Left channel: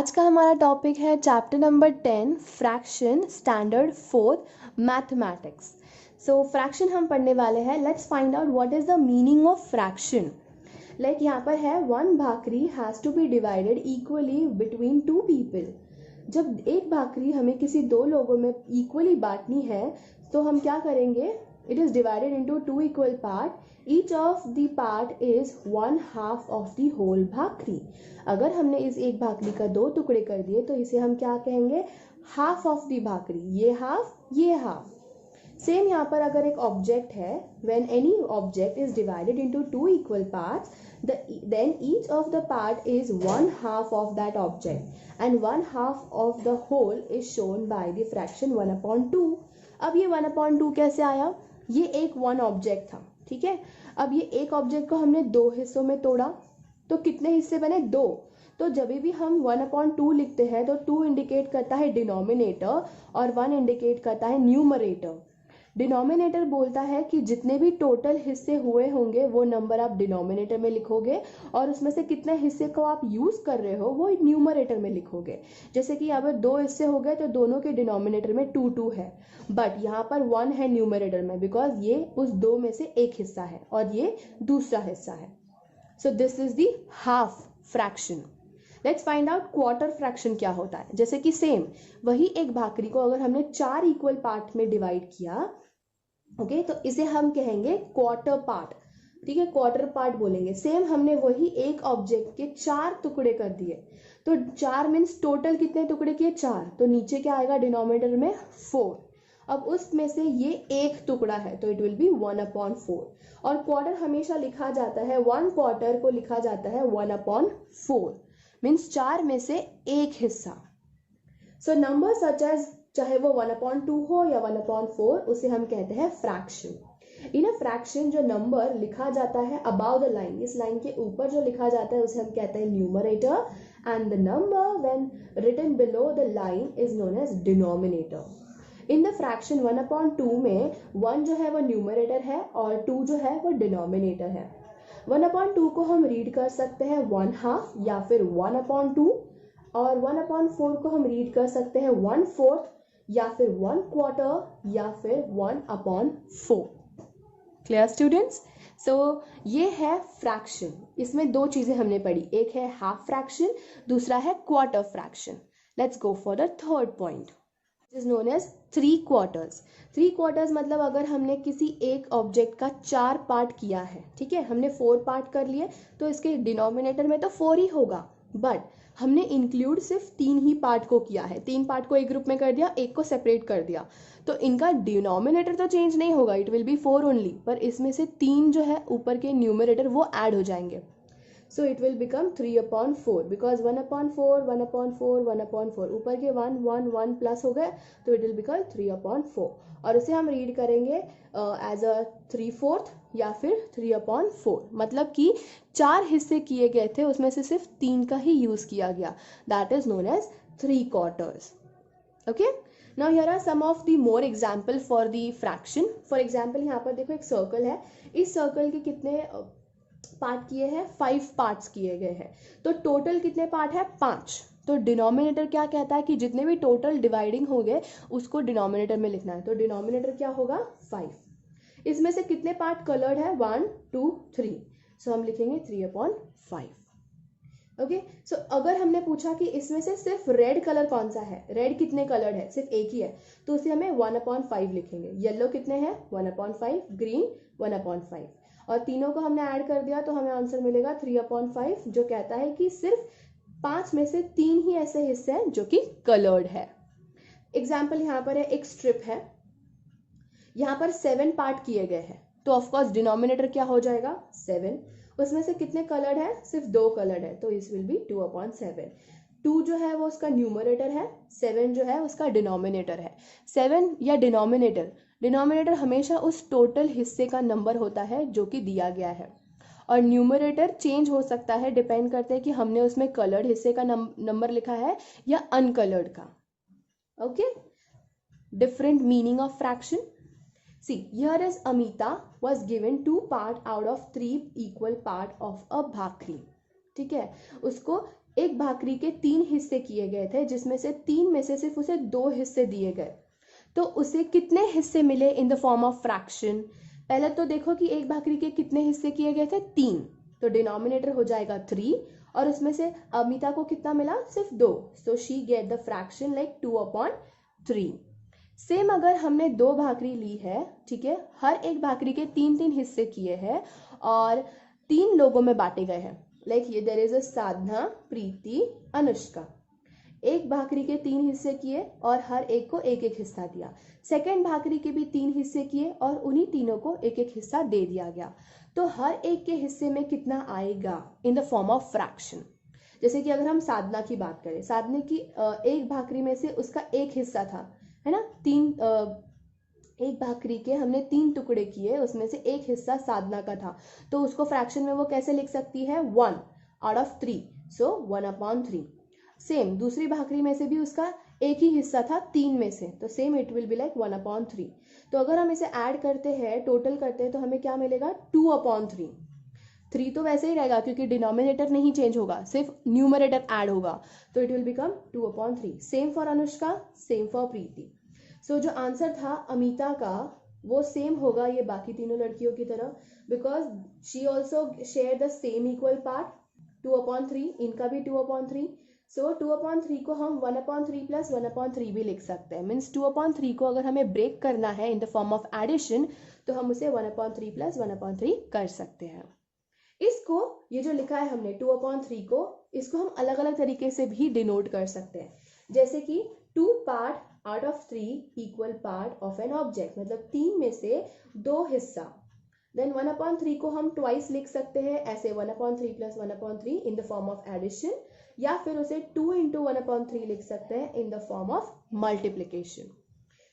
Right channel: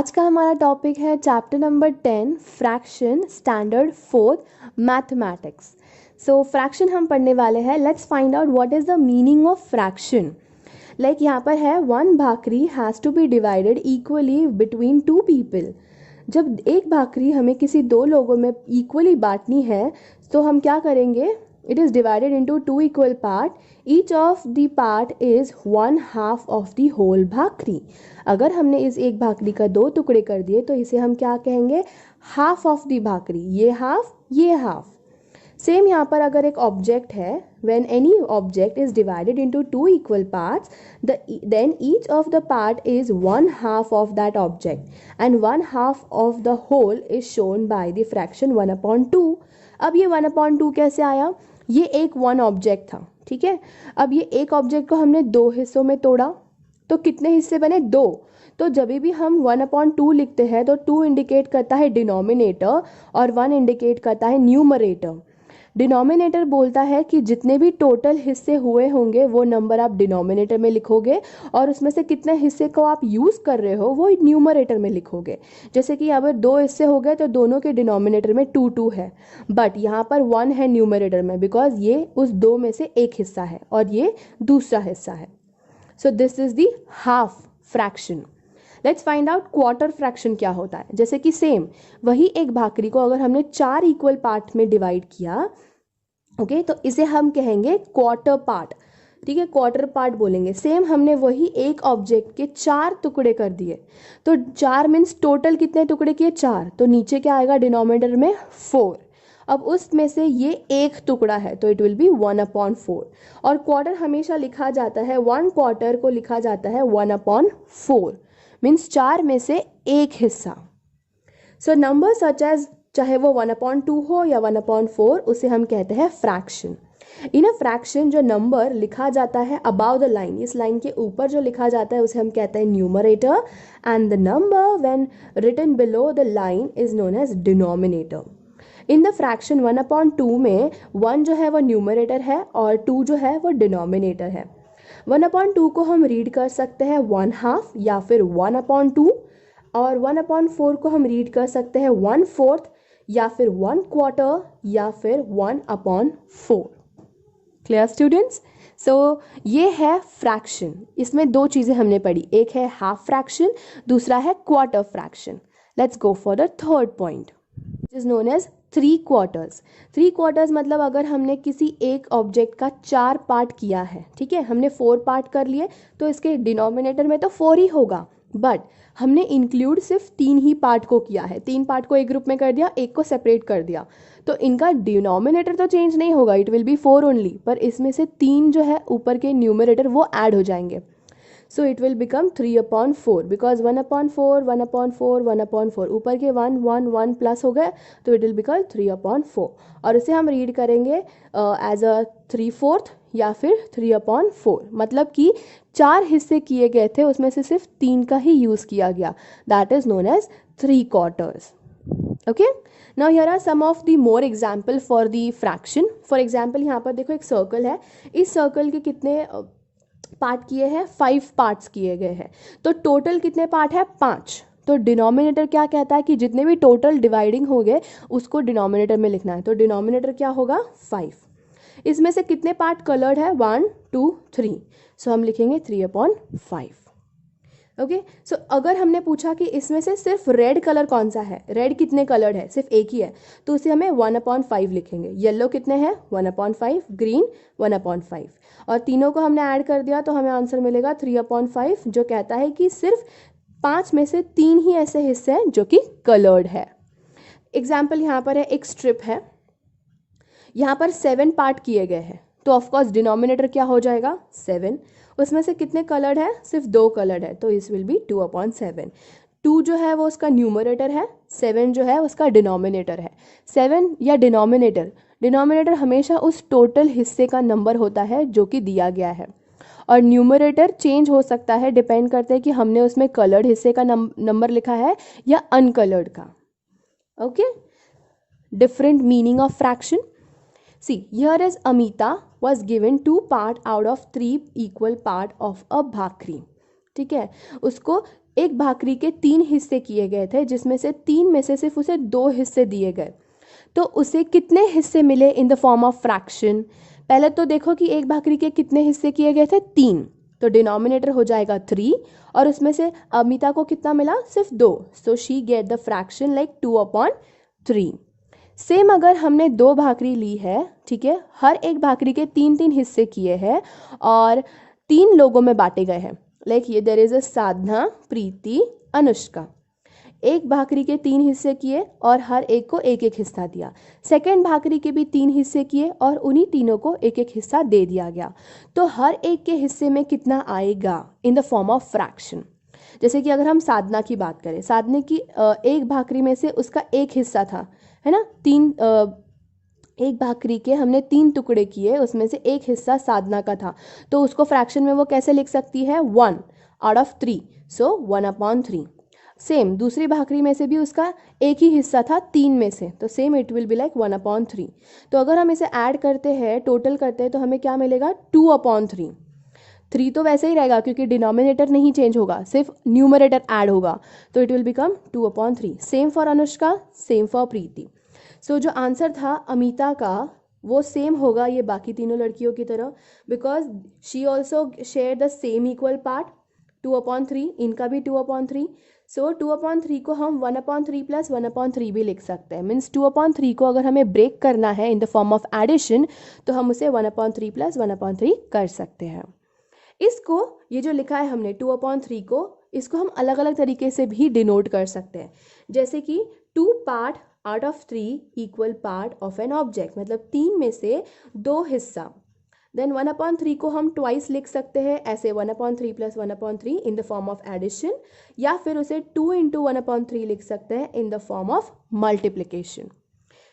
आज का हमारा टॉपिक है chapter number 10 fraction standard 4 mathematics. So fraction हम पढ़ने वाले हैं। Let's find out what is the meaning of fraction. Like यहाँ पर है one bhakri has to be divided equally between two people. जब एक भाकरी हमें किसी दो लोगों में इक्वली बांटनी है तो हम क्या करेंगे? It is divided into two equal part. Each of the part is one half of the whole bhakri. अगर हमने इस एक भाकरी का दो टुकड़े कर दिए तो इसे हम क्या कहेंगे? हाफ ऑफ द भाकरी। ये हाफ, ये हाफ। सेम यहाँ पर अगर एक ऑब्जेक्ट है, when any object is divided into two equal parts then each of the part is one half of that object and one half of the whole is shown by the fraction 1/2। अब ये 1/2 कैसे आया? ये एक one object था, ठीक है। अब ये एक ऑब्जेक्ट को हमने दो हिस्सों में तोड़ा तो कितने हिस्से बने? दो। तो जब भी हम 1/2 लिखते हैं तो 2 इंडिकेट करता है डिनोमिनेटर और 1 इंडिकेट करता है न्यूमरेटर। डिनोमिनेटर बोलता है कि जितने भी टोटल हिस्से हुए होंगे वो नंबर आप डिनोमिनेटर में लिखोगे और उसमें से कितने हिस्से को आप यूज़ कर रहे हो वो न्यूमरेटर में लिखोगे। जैसे कि अगर दो हिस्से हो गए तो दोनों के डिनोमिनेटर में 2 है, बट यहाँ पर 1 है न्यूमरेटर में बिकॉज ये उस दो में से एक हिस्सा है और ये दूसरा हिस्सा है। So this is the half fraction. Let's find out quarter fraction क्या होता है। जैसे कि सेम वही एक भाकरी को अगर हमने 4 इक्वल पार्ट में डिवाइड किया, ओके, तो इसे हम कहेंगे क्वार्टर पार्ट, ठीक है, क्वार्टर पार्ट बोलेंगे। सेम हमने वही एक ऑब्जेक्ट के 4 टुकड़े कर दिए तो 4 मीन्स टोटल कितने टुकड़े किए? 4। तो नीचे क्या आएगा डिनोमिनेटर में? 4। अब उसमें से ये एक टुकड़ा है तो इट विल बी 1/4। और क्वार्टर हमेशा लिखा जाता है, 1 क्वार्टर को लिखा जाता है 1/4 मीन्स 4 में से एक हिस्सा। सो नंबर सच एज चाहे वो 1/2 हो या 1/4 उसे हम कहते हैं फ्रैक्शन। इन अ फ्रैक्शन जो नंबर लिखा जाता है अबाव द लाइन, इस लाइन के ऊपर जो लिखा जाता है उसे हम कहते हैं numerator and the number when written below the line is known as denominator. In the fraction 1/2 में 1 जो है वो न्यूमरेटर है और 2 जो है वो डिनोमिनेटर है। 1/2 को हम रीड कर सकते हैं 1/2 या फिर 1/2 और 1/4 को हम रीड कर सकते हैं 1/4 या फिर 1/4 या फिर 1/4। Clear students? सो ये है फ्रैक्शन। इसमें दो चीज़ें हमने पढ़ी, एक है हाफ फ्रैक्शन, दूसरा है quarter fraction. Let's go for the third point is known as 3 quarters. 3 quarters मतलब अगर हमने किसी एक ऑब्जेक्ट का 4 पार्ट किया है, ठीक है, हमने 4 पार्ट कर लिए तो इसके डिनोमिनेटर में तो 4 ही होगा, बट हमने इंक्लूड सिर्फ 3 ही पार्ट को किया है। 3 पार्ट को एक ग्रुप में कर दिया, एक को सेपरेट कर दिया, तो इनका डिनोमिनेटर तो चेंज नहीं होगा, इट विल बी 4 ओनली, पर इसमें से 3 जो है ऊपर के न्यूमरेटर वो ऐड हो जाएंगे। सो इट विल बिकम 3/4 बिकॉज 1/4 1/4 1/4 ऊपर के 1 1 1 प्लस हो गए तो इट विल बिकम 3/4 और इसे हम रीड करेंगे एज अ 3/4 या फिर 3/4। मतलब कि 4 हिस्से किए गए थे उसमें से सिर्फ 3 का ही यूज़ किया गया, that is known as 3 quarters. Okay, now here are some of the more example for the fraction. For example यहाँ पर देखो एक सर्कल है, इस सर्कल के कितने पार्ट किए हैं? 5 पार्ट्स किए गए हैं, तो टोटल कितने पार्ट है? 5। तो डिनोमिनेटर क्या कहता है कि जितने भी टोटल डिवाइडिंग हो गए उसको डिनोमिनेटर में लिखना है, तो डिनोमिनेटर क्या होगा? 5। इसमें से कितने पार्ट कलर्ड है? 1 2 3, सो हम लिखेंगे 3/5। ओके, सो अगर हमने पूछा कि इसमें से सिर्फ रेड कलर कौन सा है, रेड कितने कलर्ड है? सिर्फ एक ही है, तो उसे हमें 1/5 लिखेंगे। येलो कितने हैं? 1/5, ग्रीन 1/5 और तीनों को हमने ऐड कर दिया तो हमें आंसर मिलेगा 3/5, जो कहता है कि सिर्फ 5 में से 3 ही ऐसे हिस्से हैं जो कि कलर्ड है। एग्जाम्पल यहाँ पर है, एक स्ट्रिप है, यहाँ पर 7 पार्ट किए गए हैं, तो ऑफकोर्स डिनोमिनेटर क्या हो जाएगा? 7। उसमें से कितने कलर्ड है? सिर्फ 2 कलर्ड है, तो इस विल बी 2/7। 2 जो है वो उसका न्यूमरेटर है, 7 जो है उसका डिनोमिनेटर है। 7 या डिनोमिनेटर हमेशा उस टोटल हिस्से का नंबर होता है जो कि दिया गया है, और न्यूमरेटर चेंज हो सकता है, डिपेंड करते हैं कि हमने उसमें कलर्ड हिस्से का नंबर लिखा है या अनकलर्ड का। Okay, different meaning of fraction. See, here is Amita was given 2 part out of 3 equal part of a bhakri. ठीक है, उसको एक भाकरी के 3 हिस्से किए गए थे, जिसमें से 3 में से सिर्फ उसे 2 हिस्से दिए गए, तो उसे कितने हिस्से मिले इन द फॉर्म ऑफ फ्रैक्शन। पहले तो देखो कि एक भाकरी के कितने हिस्से किए गए थे, 3, तो डिनोमिनेटर हो जाएगा 3, और उसमें से अमिता को कितना मिला, सिर्फ 2, so she get the fraction like 2/3। Same अगर हमने 2 भाकरी ली है, ठीक है, हर एक भाकरी के 3-3 हिस्से किए हैं और 3 लोगों में बांटे गए हैं, लाइक ये देयर इज अ साधना, प्रीति, अनुष्का। एक भाकरी के 3 हिस्से किए और हर एक को एक एक हिस्सा दिया। सेकंड भाकरी के भी 3 हिस्से किए और उन्हीं तीनों को एक एक हिस्सा दे दिया गया। तो हर एक के हिस्से में कितना आएगा इन द फॉर्म ऑफ फ्रैक्शन। जैसे कि अगर हम साधना की बात करें, साधना की एक भाकरी में से उसका एक हिस्सा था, है ना, एक भाकरी के हमने 3 टुकड़े किए, उसमें से एक हिस्सा साधना का था, तो उसको फ्रैक्शन में वो कैसे लिख सकती है, 1/3, सो 1/3। सेम दूसरी भाकरी में से भी उसका एक ही हिस्सा था 3 में से, तो same it will be like 1/3। तो अगर हम इसे ऐड करते हैं, टोटल करते हैं, तो हमें क्या मिलेगा, 2/3। 3 तो वैसे ही रहेगा क्योंकि डिनोमिनेटर नहीं चेंज होगा, सिर्फ न्यूमरेटर ऐड होगा, तो it will become 2/3। Same for Anushka, same for Preeti. So जो आंसर था अमिता का वो सेम होगा ये बाकी तीनों लड़कियों की तरह, because she also share the same equal part, 2/3, इनका भी 2/3। सो 2/3 को हम 1/3 प्लस 1/3 भी लिख सकते हैं। मीन्स 2/3 को अगर हमें ब्रेक करना है in the form of addition, तो हम उसे 1/3 प्लस 1/3 कर सकते हैं। इसको, ये जो लिखा है हमने 2/3 को, इसको हम अलग अलग तरीके से भी डिनोट कर सकते हैं, जैसे कि 2 part out of 3 equal part of an object, मतलब 3 में से 2 हिस्सा। देन 1/3 को हम ट्वाइस लिख सकते हैं, ऐसे 1/3 plus 1/3 in the form of addition, या फिर उसे 2 इंटू 1/3 लिख सकते हैं in the form of multiplication,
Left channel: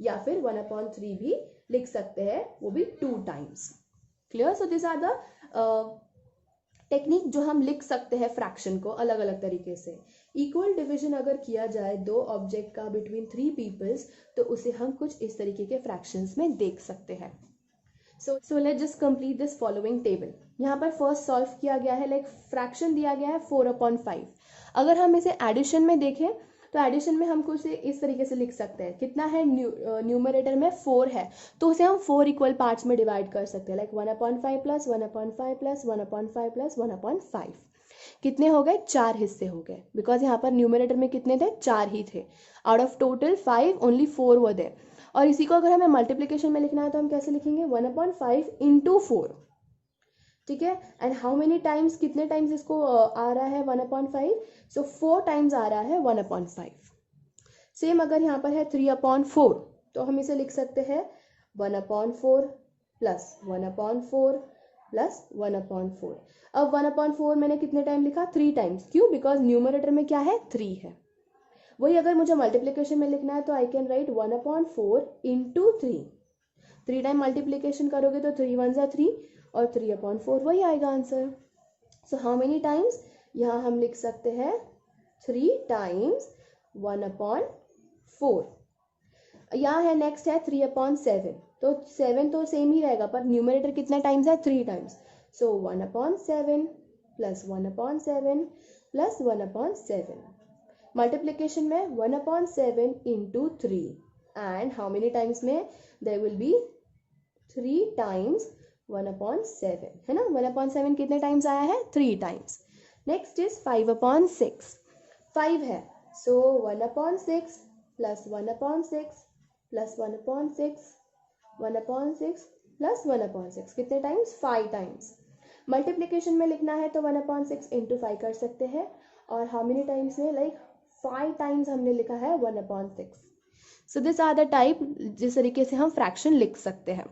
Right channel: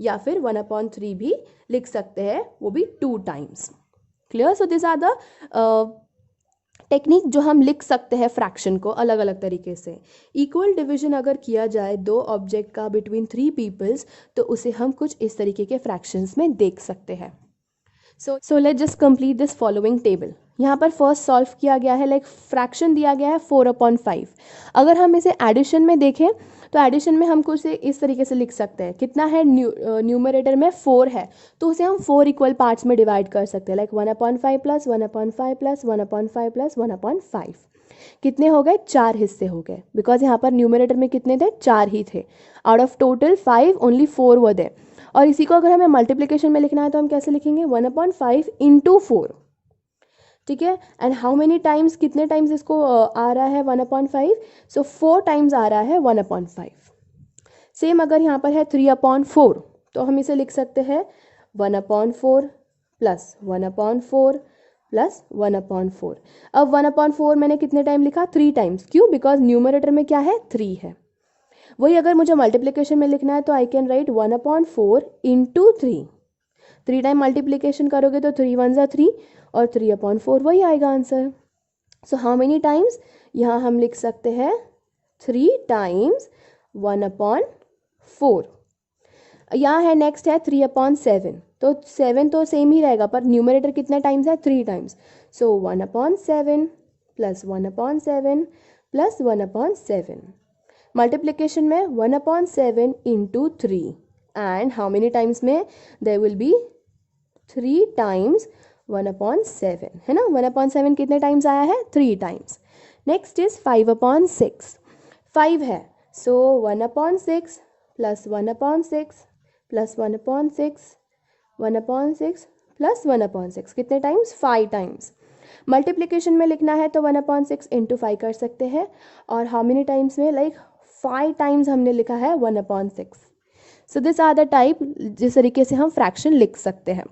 या फिर 1/3 भी लिख सकते हैं, वो भी 2 times. Clear. So this are the technique जो हम लिख सकते हैं फ्रैक्शन को अलग अलग तरीके से। इक्वल डिवीजन अगर किया जाए 2 ऑब्जेक्ट का बिटवीन 3 पीपल्स, तो उसे हम कुछ इस तरीके के फ्रैक्शंस में देख सकते हैं। So let just complete this following table. यहाँ पर फर्स्ट सॉल्व किया गया है, लाइक फ्रैक्शन दिया गया है 4/5। अगर हम इसे एडिशन में देखें, तो एडिशन में हम कुछ इस तरीके से लिख सकते हैं, कितना है, न्यूमरेटर में 4 है, तो उसे हम 4 इक्वल पार्ट्स में डिवाइड कर सकते हैं, लाइक 1/5 प्लस 1/5 प्लस 1/5 प्लस 1/5। कितने हो गए, 4 हिस्से हो गए, बिकॉज यहाँ पर न्यूमरेटर में कितने थे, 4 ही थे। Out of total 5 only 4 were there. और इसी को अगर हमें मल्टीप्लिकेशन में लिखना है तो हम कैसे लिखेंगे, 1/5 इंटू 4, ठीक है। एंड हाउ मेनी टाइम्स, कितने टाइम्स इसको आ रहा है 1/5, सो 4 टाइम्स आ रहा है 1/5। सेम अगर यहाँ पर है 3/4, तो हम इसे लिख सकते हैं 1/4 प्लस 1/4 प्लस 1/4। अब 1/4 मैंने कितने टाइम लिखा, 3 टाइम्स, क्यों, बिकॉज न्यूमरेटर में क्या है, 3 है। वही अगर मुझे मल्टीप्लिकेशन में लिखना है तो I can write 1/4 into 3। 3 time multiplication करोगे तो 3 1 ज़ा 3 और 3/4 वही आएगा answer. So how many times, यहाँ हम लिख सकते हैं 3 टाइम्स 1/4। यहाँ है नेक्स्ट है 3/7, तो 7 तो सेम ही रहेगा, पर न्यूमरेटर कितना टाइम्स है, 3 टाइम्स। सो 1/7 प्लस 1/7 प्लस 1/7। मल्टीप्लिकेशन में 1/7 into 3, and how many times में, देयर विल बी 3 टाइम्स 1/7, है ना। 1/7 कितने टाइम्स आया है, 3 टाइम्स। Next is 5/6। 5 है, सो 1/6 प्लस 1/6 प्लस 1/6 1/6 प्लस 1/6, कितने टाइम्स, 5 टाइम्स। मल्टीप्लिकेशन में लिखना है तो 1/6 इंटू 5 कर सकते हैं, और हाउ मेनी टाइम्स में, लाइक 5 टाइम्स हमने लिखा है 1/6। So this are the type जिस तरीके से हम फ्रैक्शन लिख सकते हैं।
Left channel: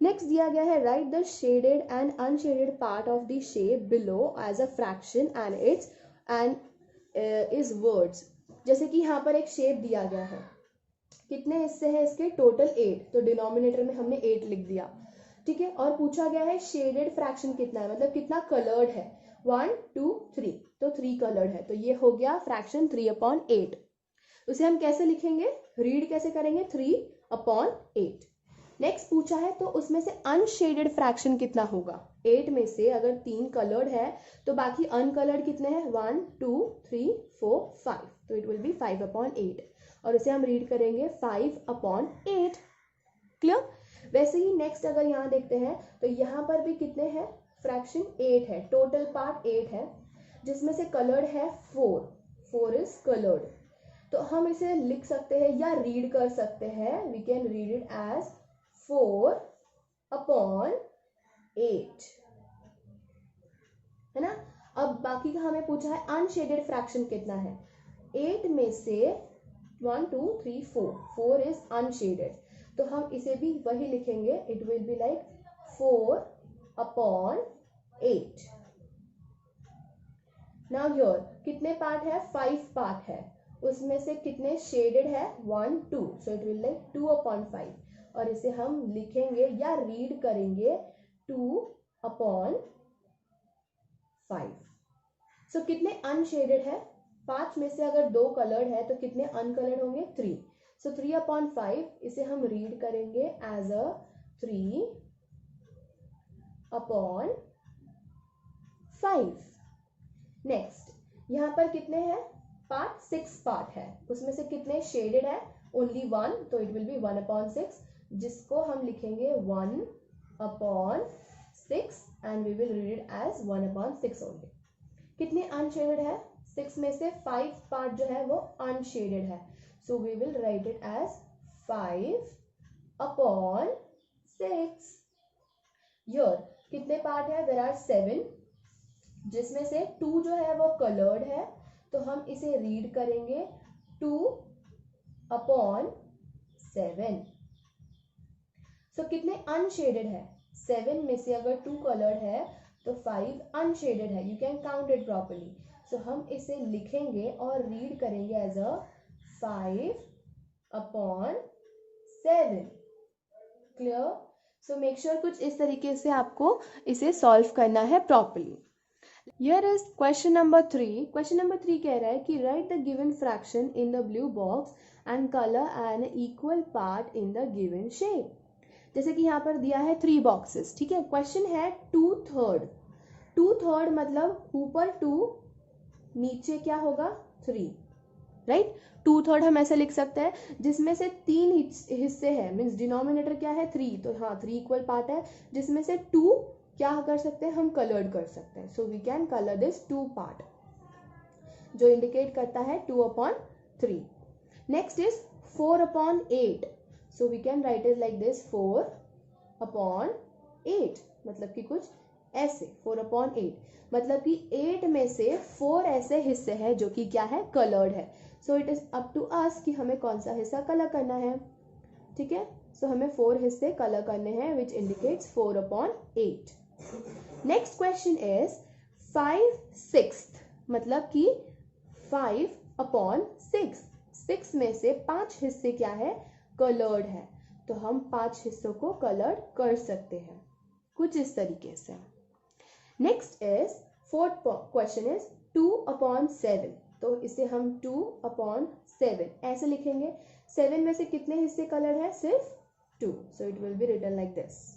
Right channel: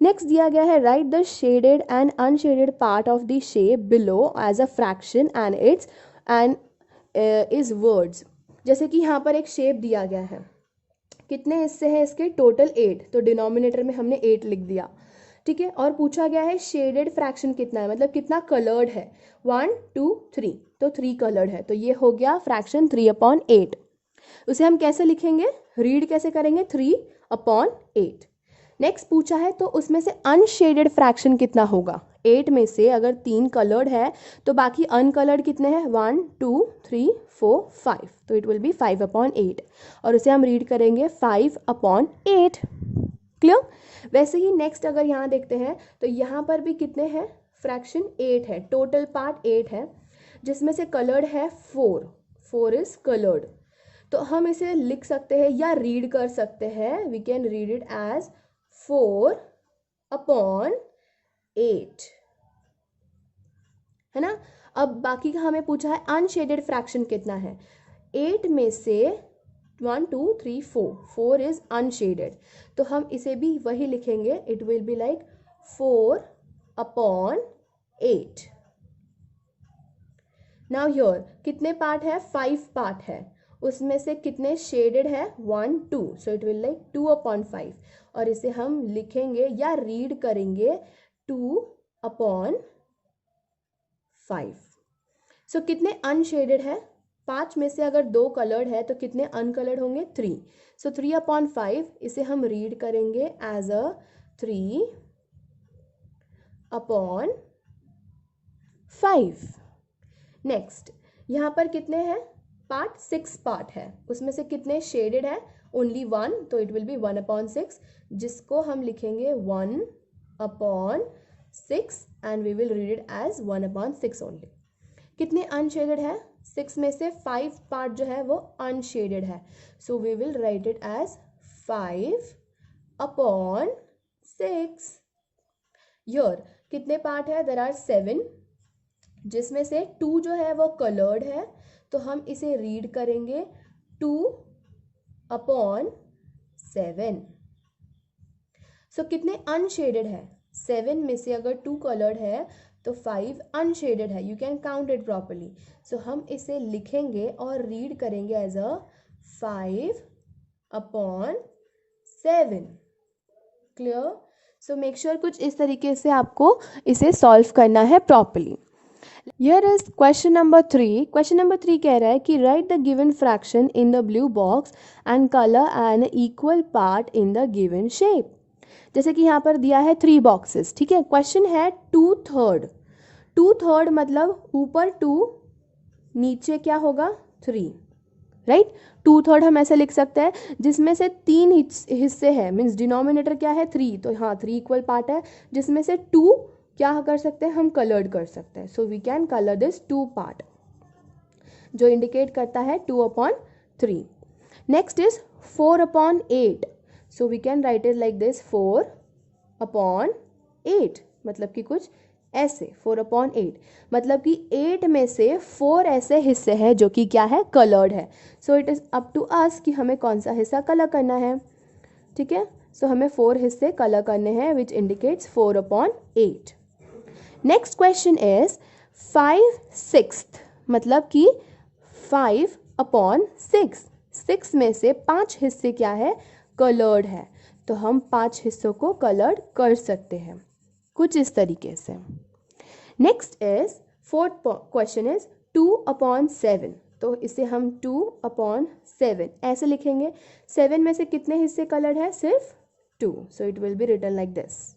नेक्स्ट दिया गया है, write the shaded and unshaded part of the shape below as a fraction and its and is words. जैसे कि यहाँ पर एक शेप दिया गया है, कितने हिस्से हैं इसके, टोटल 8, तो डिनोमिनेटर में हमने 8 लिख दिया, ठीक है। और पूछा गया है शेडेड फ्रैक्शन कितना है, मतलब कितना कलर्ड है, 1 2 3, तो 3 कलर्ड है, तो ये हो गया फ्रैक्शन 3/8। उसे हम कैसे लिखेंगे, रीड कैसे करेंगे, 3/8। नेक्स्ट पूछा है तो उसमें से अनशेडेड फ्रैक्शन कितना होगा। 8 में से अगर 3 कलर्ड है तो बाकी अनकलर्ड कितने हैं, 1 2 3 4 5, तो इट विल बी 5/8 और उसे हम रीड करेंगे 5/8। क्लियर। वैसे ही नेक्स्ट अगर यहाँ देखते हैं तो यहाँ पर भी कितने हैं, फ्रैक्शन 8 है, टोटल पार्ट 8 है, जिसमें से कलर्ड है 4 इज कलर्ड। तो हम इसे लिख सकते हैं या रीड कर सकते हैं, we can read it as 4/8, है ना। अब बाकी का हमें पूछा है अनशेडेड फ्रैक्शन कितना है। 8 में से 1 2 3 4 इज अनशेडेड, तो हम इसे भी वही लिखेंगे, it will be like 4/8। Now here कितने पार्ट है, 5 पार्ट है, उसमें से कितने शेडेड है, 1 2, सो इट विल लाइक 2/5 और इसे हम लिखेंगे या रीड करेंगे 2/5। सो कितने अनशेडेड है, 5 में से अगर 2 कलर्ड है तो कितने अनकलर्ड होंगे, 3, सो 3/5 इसे हम रीड करेंगे एज अ 3/5। नेक्स्ट यहाँ पर कितने हैं, पार्ट 6 पार्ट है, उसमें से कितने शेडेड है, ओनली 1, तो इट विल बी 1/6, जिसको हम लिखेंगे 1/6 and we will read it as 1/6 only. कितने अनशेडेड है, 6 में से 5 पार्ट जो है वो अनशेडेड है, so we will write it as 5/6। Your कितने पार्ट है, देयर आर 7, जिसमें से 2 जो है वो कलर्ड है, तो हम इसे रीड करेंगे 2/7। सो कितने अनशेडेड है, 7 में से अगर 2 कलर्ड है तो 5 अनशेडेड है, you can count it properly, so हम इसे लिखेंगे और रीड करेंगे as a 5/7। Clear. So make sure कुछ इस तरीके से आपको इसे सॉल्व करना है properly. Here is question number 3. Question number 3 कह रहा है कि write the given fraction in the blue box and color an equal part in the given shape. जैसे कि यहाँ पर दिया है 3 बॉक्सेस, ठीक है। क्वेश्चन है 2/3, 2/3 मतलब ऊपर 2 नीचे क्या होगा 3, राइट। 2/3 हम ऐसे लिख सकते हैं, जिसमें से 3 हिस्से हैं, मीन्स डिनोमिनेटर क्या है 3, तो हाँ 3 इक्वल पार्ट है, जिसमें से 2 क्या कर सकते हैं, हम कलर्ड कर सकते हैं, so we can colour this 2 part, जो इंडिकेट करता है 2/3। Next is 4/8, so we can write it like this 4/8, मतलब कि कुछ ऐसे 4/8, मतलब कि 8 में से 4 ऐसे हिस्से हैं जो कि क्या है, कलर्ड है, so it is up to us कि हमें कौन सा हिस्सा कलर करना है, ठीक है। सो हमें 4 हिस्से कलर करने हैं which indicates 4/8। Next question is 5/6, मतलब कि 5/6, 6 में से 5 हिस्से क्या है, कलर्ड है, तो हम 5 हिस्सों को कलर्ड कर सकते हैं कुछ इस तरीके से। Next is fourth question is 2/7, तो इसे हम 2/7 ऐसे लिखेंगे, 7 में से कितने हिस्से कलर्ड है, सिर्फ 2, so it will be written like this.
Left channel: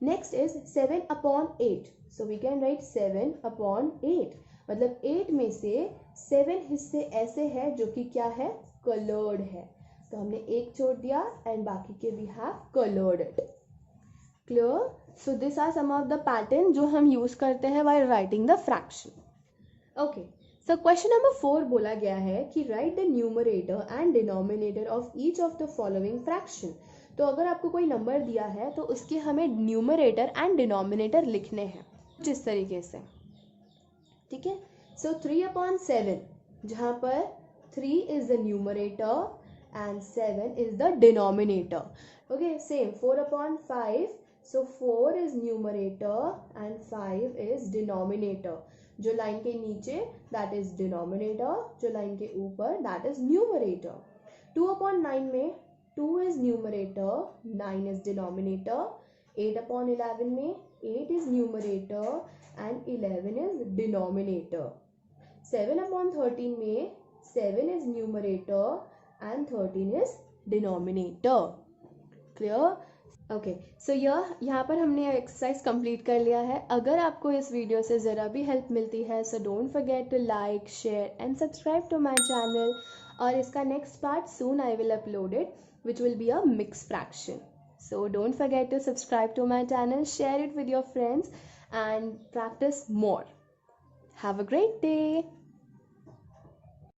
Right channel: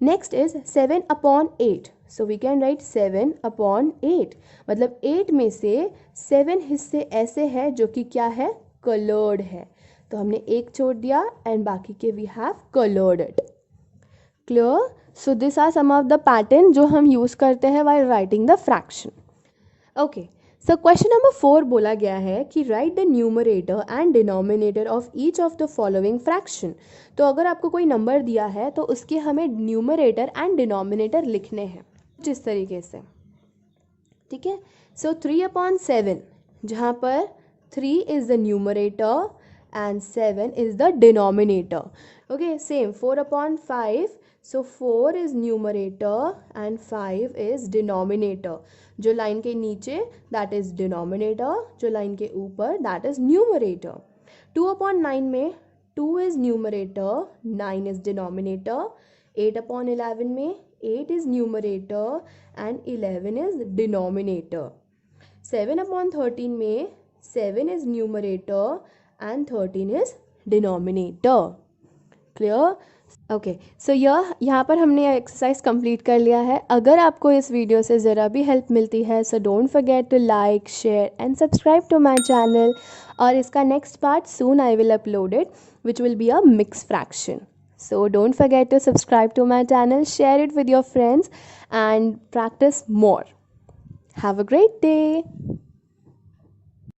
Next is 7/8, so we can write 7/8, मतलब 8 में से 7 हिस्से ऐसे हैं जो कि क्या है, कलर्ड है, तो हमने एक छोड़ दिया एंड बाकी के we have coloured it. Clear. So this are some of the pattern जो हम यूज करते हैं while writing the fraction. Okay, so question number 4 बोला गया है कि write the numerator and denominator of each of the following fraction. तो अगर आपको कोई नंबर दिया है तो उसके हमें न्यूमरेटर एंड डिनोमिनेटर लिखने हैं जिस तरीके से, ठीक है। सो 3/7, जहाँ पर 3 is the numerator and 7 is the denominator. Okay, same 4/5, so 4 is numerator and 5 is denominator. जो लाइन के नीचे दैट इज डिनोमिनेटर, जो लाइन के ऊपर दैट इज न्यूमरेटर। 2/9 में 2 इज न्यूमरेटर, 9 इज डिनोमिनेटर। 8/11 में 8 is numerator and 11 is denominator. 7/13 में 7 is numerator and 13 is denominator. Clear? Okay, सो यहाँ पर हमने एक्सरसाइज कंप्लीट कर लिया है. अगर आपको इस वीडियो से ज़रा भी हेल्प मिलती है, so don't forget to like, share and subscribe to my channel. और इसका next part soon I will upload it, which will be a mix fraction. So don't forget to subscribe to my channel, share it with your friends, and practice more. Have a great day.